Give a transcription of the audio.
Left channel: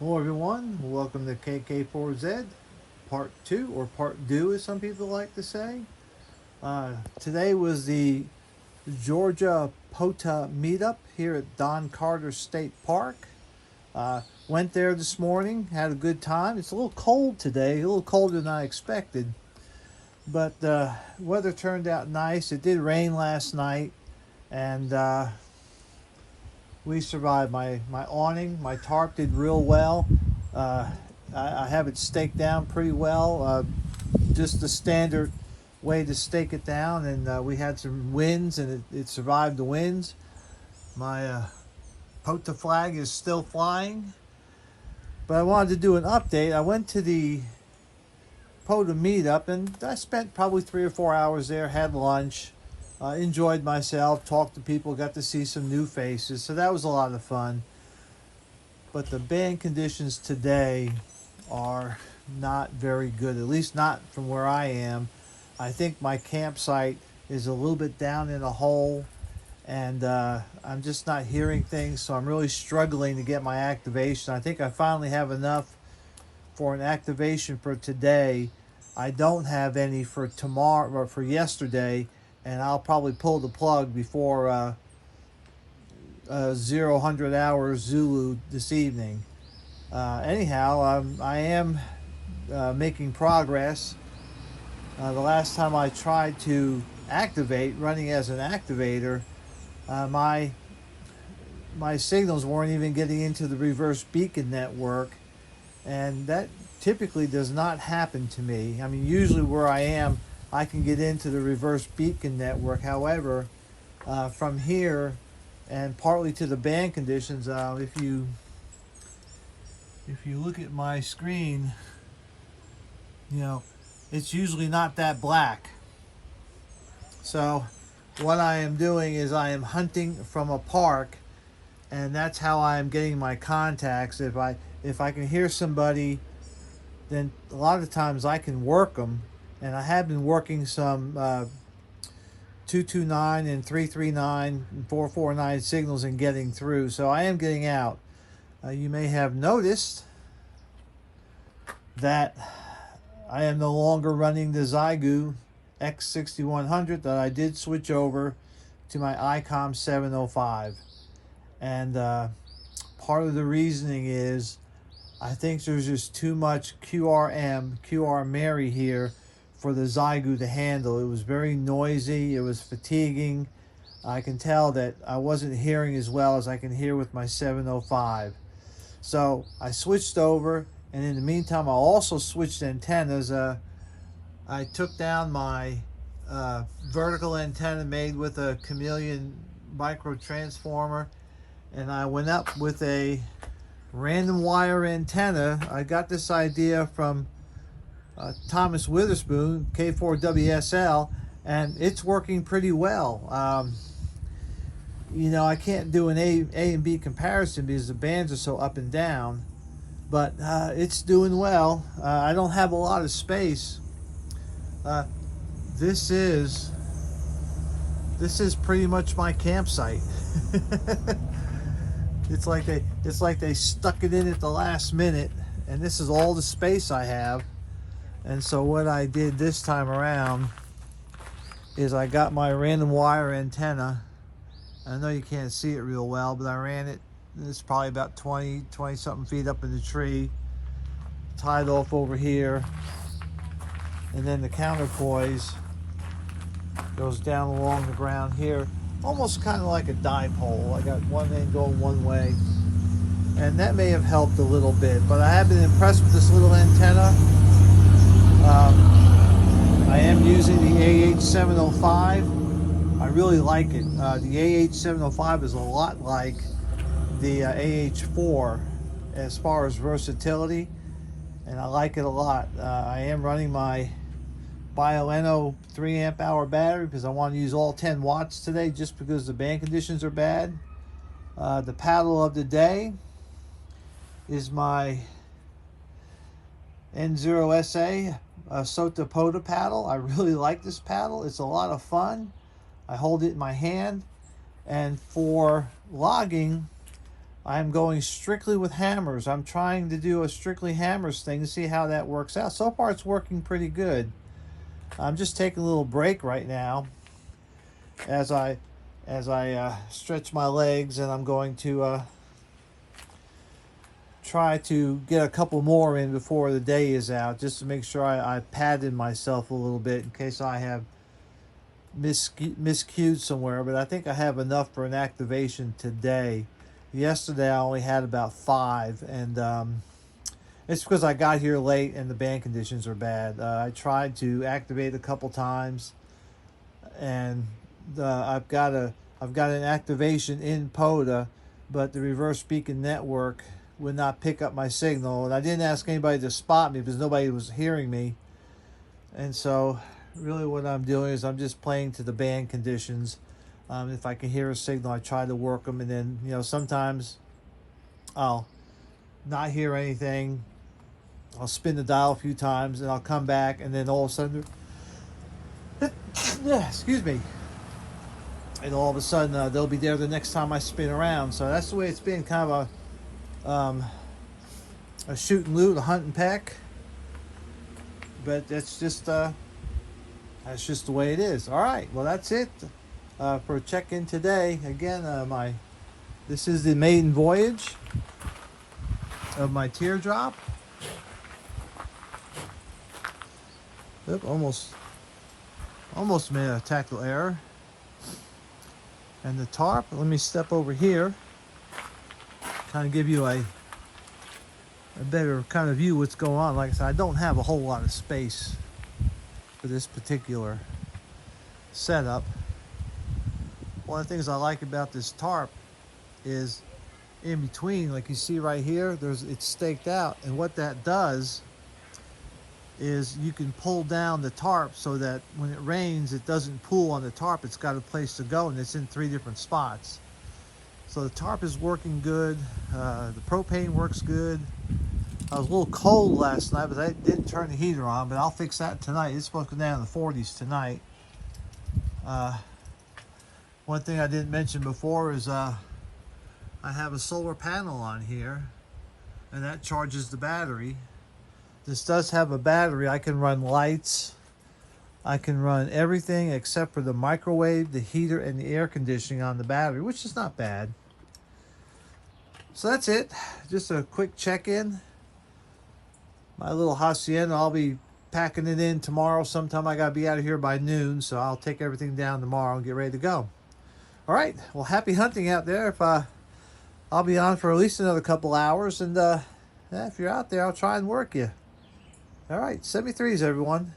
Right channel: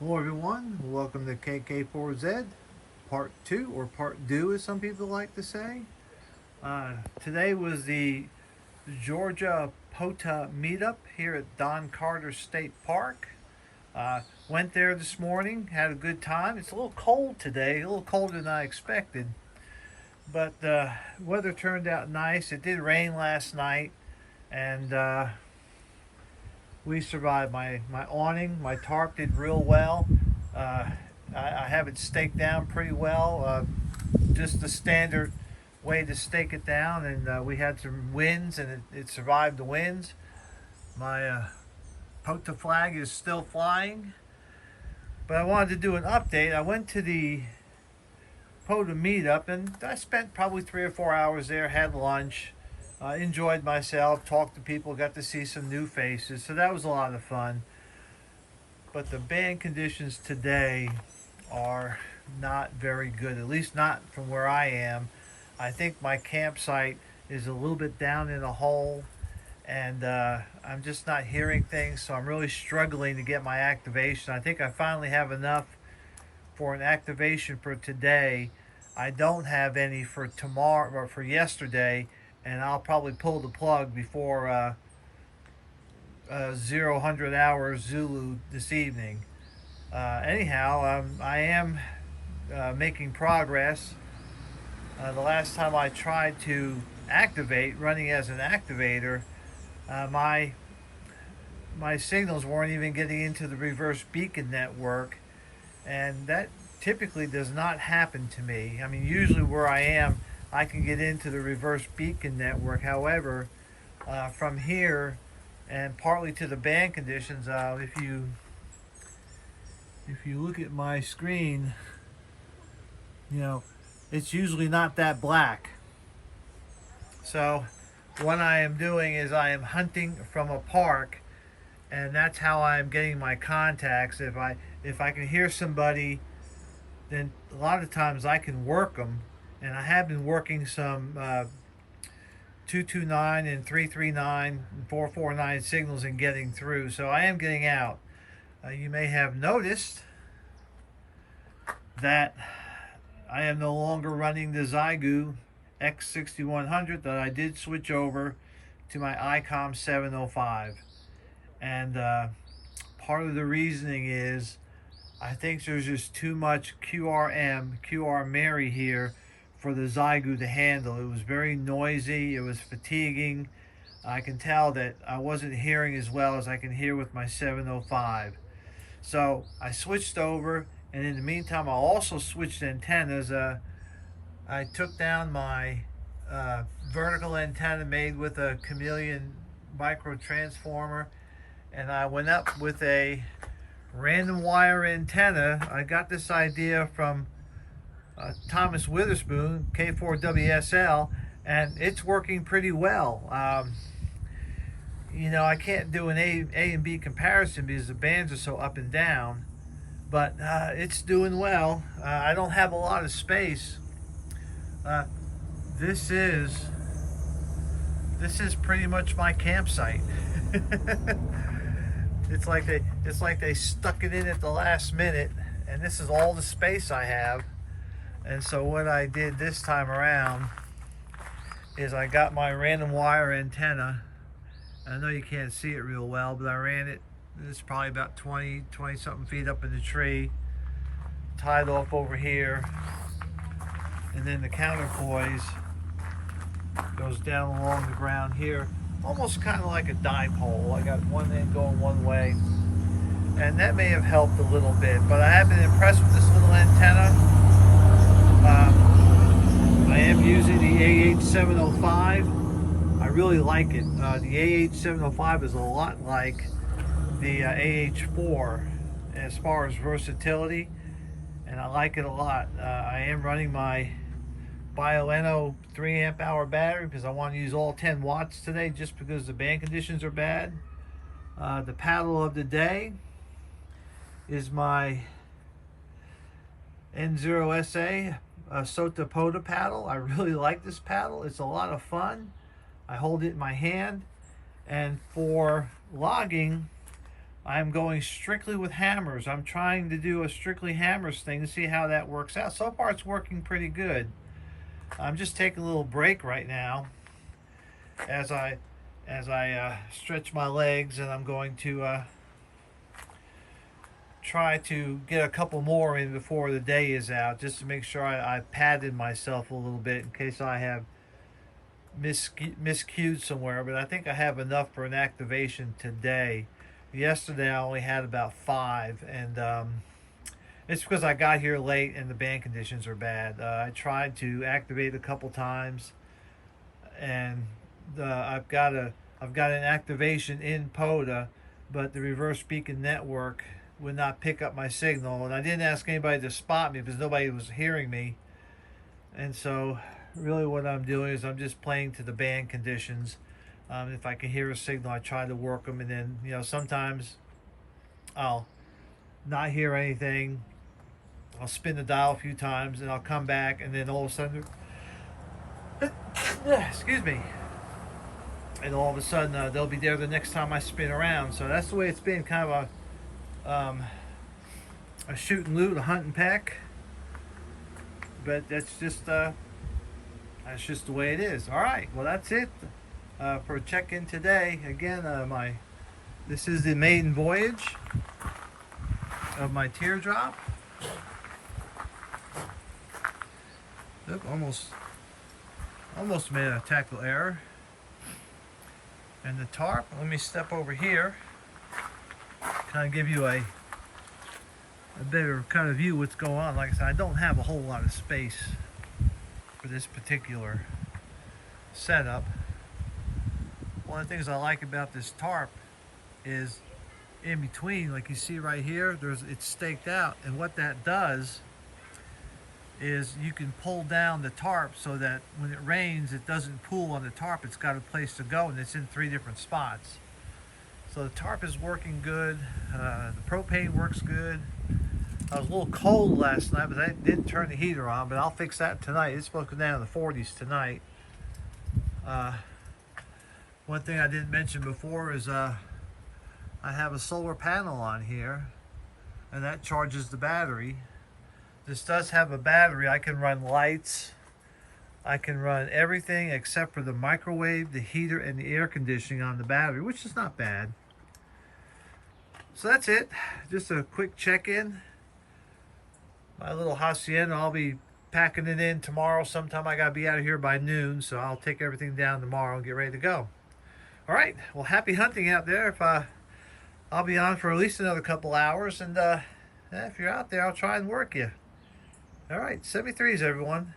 Hello everyone, welcome to KK4Z Part 2, or Part 2 as some people like to say. Today was the Georgia POTA meetup here at Don Carter State Park. Went there this morning, had a good time. It's a little cold today, a little colder than I expected, but the weather turned out nice. It did rain last night, and we survived. My awning, my tarp did real well. Uh, I have it staked down pretty well. Just the standard way to stake it down, and we had some winds, and it survived the winds. My POTA flag is still flying, but I wanted to do an update. I went to the POTA meetup, and I spent probably 3 or 4 hours there. Had lunch. Enjoyed myself, talked to people, got to see some new faces, so that was a lot of fun. But the band conditions today are not very good, at least not from where I am. I think my campsite is a little bit down in a hole, and I'm just not hearing things, so I'm really struggling to get my activation. I think I finally have enough for an activation for today. I don't have any for tomorrow or for yesterday, and I'll probably pull the plug before 0000 hours Zulu this evening. Anyhow, I am making progress. The last time I tried to activate, running as an activator, my signals weren't even getting into the reverse beacon network, and that typically does not happen to me. I mean, usually where I am, I can get into the reverse beacon network. However, from here, and partly to the band conditions, if you look at my screen, you know, it's usually not that black. So what I am doing is I am hunting from a park, and that's how I am getting my contacts. If I can hear somebody, then a lot of times I can work them, and I have been working some 229 and 339 and 449 signals and getting through, so I am getting out. You may have noticed that I am no longer running the Zygu X6100, that I did switch over to my ICOM 705, and part of the reasoning is I think there's just too much QR Mary here for the Zygu to handle. It was very noisy, it was fatiguing. I can tell that I wasn't hearing as well as I can hear with my 705. So I switched over, and in the meantime I also switched antennas. I took down my vertical antenna made with a chameleon micro transformer, and I went up with a random wire antenna. I got this idea from Thomas Witherspoon, K4WSL, and it's working pretty well. You know, I can't do an A and B comparison because the bands are so up and down, but it's doing well. I don't have a lot of space. This is pretty much my campsite. It's like they stuck it in at the last minute, and this is all the space I have. And so what I did this time around is I got my random wire antenna. I know you can't see it real well, but I ran it. It's probably about 20 something feet up in the tree, tied off over here, and then the counterpoise goes down along the ground here, almost kind of like a dipole. I got one end going one way, and that may have helped a little bit, but I have been impressed with this little antenna. I am using the AH705. I really like it. The AH705 is a lot like the AH4 as far as versatility, and I like it a lot. I am running my BioEno 3 amp hour battery because I want to use all 10 watts today, just because the band conditions are bad. The paddle of the day is my N0SA SOTA POTA paddle. I really like this paddle. It's a lot of fun. I hold it in my hand, and for logging, I'm going strictly with hammers. I'm trying to do a strictly hammers thing to see how that works out. So far it's working pretty good. I'm just taking a little break right now as I stretch my legs, and I'm going to try to get a couple more in before the day is out, just to make sure I padded myself a little bit in case I have miscued somewhere. But I think I have enough for an activation today. Yesterday I only had about 5, and it's because I got here late and the band conditions are bad. I tried to activate a couple times, and I've got an activation in POTA, but the reverse beacon network would not pick up my signal, and I didn't ask anybody to spot me because nobody was hearing me. And so really what I'm doing is I'm just playing to the band conditions. If I can hear a signal, I try to work them, and then, you know, sometimes I'll not hear anything. I'll spin the dial a few times, and I'll come back, and then all of a sudden excuse me, and all of a sudden they'll be there the next time I spin around. So that's the way it's been, kind of a shoot and loot, a hunt and peck. But that's just the way it is. All right, well, that's it for a check-in today. Again, this is the maiden voyage of my teardrop. Oop, almost made a tactical error. And the tarp, let me step over here, kind of give you a better kind of view what's going on. Like I said, I don't have a whole lot of space for this particular setup. One of the things I like about this tarp is in between, like you see right here, it's staked out, and what that does is you can pull down the tarp so that when it rains it doesn't pool on the tarp. It's got a place to go, and it's in 3 different spots. So the tarp is working good. The propane works good. I was a little cold last night, but I didn't turn the heater on, but I'll fix that tonight. It's supposed to go down in the 40s tonight. One thing I didn't mention before is I have a solar panel on here, and that charges the battery. This does have a battery. I can run lights. I can run everything except for the microwave, the heater, and the air conditioning on the battery, which is not bad. So that's it. Just a quick check-in. My little hacienda, I'll be packing it in tomorrow sometime. I gotta be out of here by noon, so I'll take everything down tomorrow and get ready to go. All right, well, happy hunting out there. If I'll be on for at least another couple hours, and if you're out there, I'll try and work you. All right, 73s, everyone.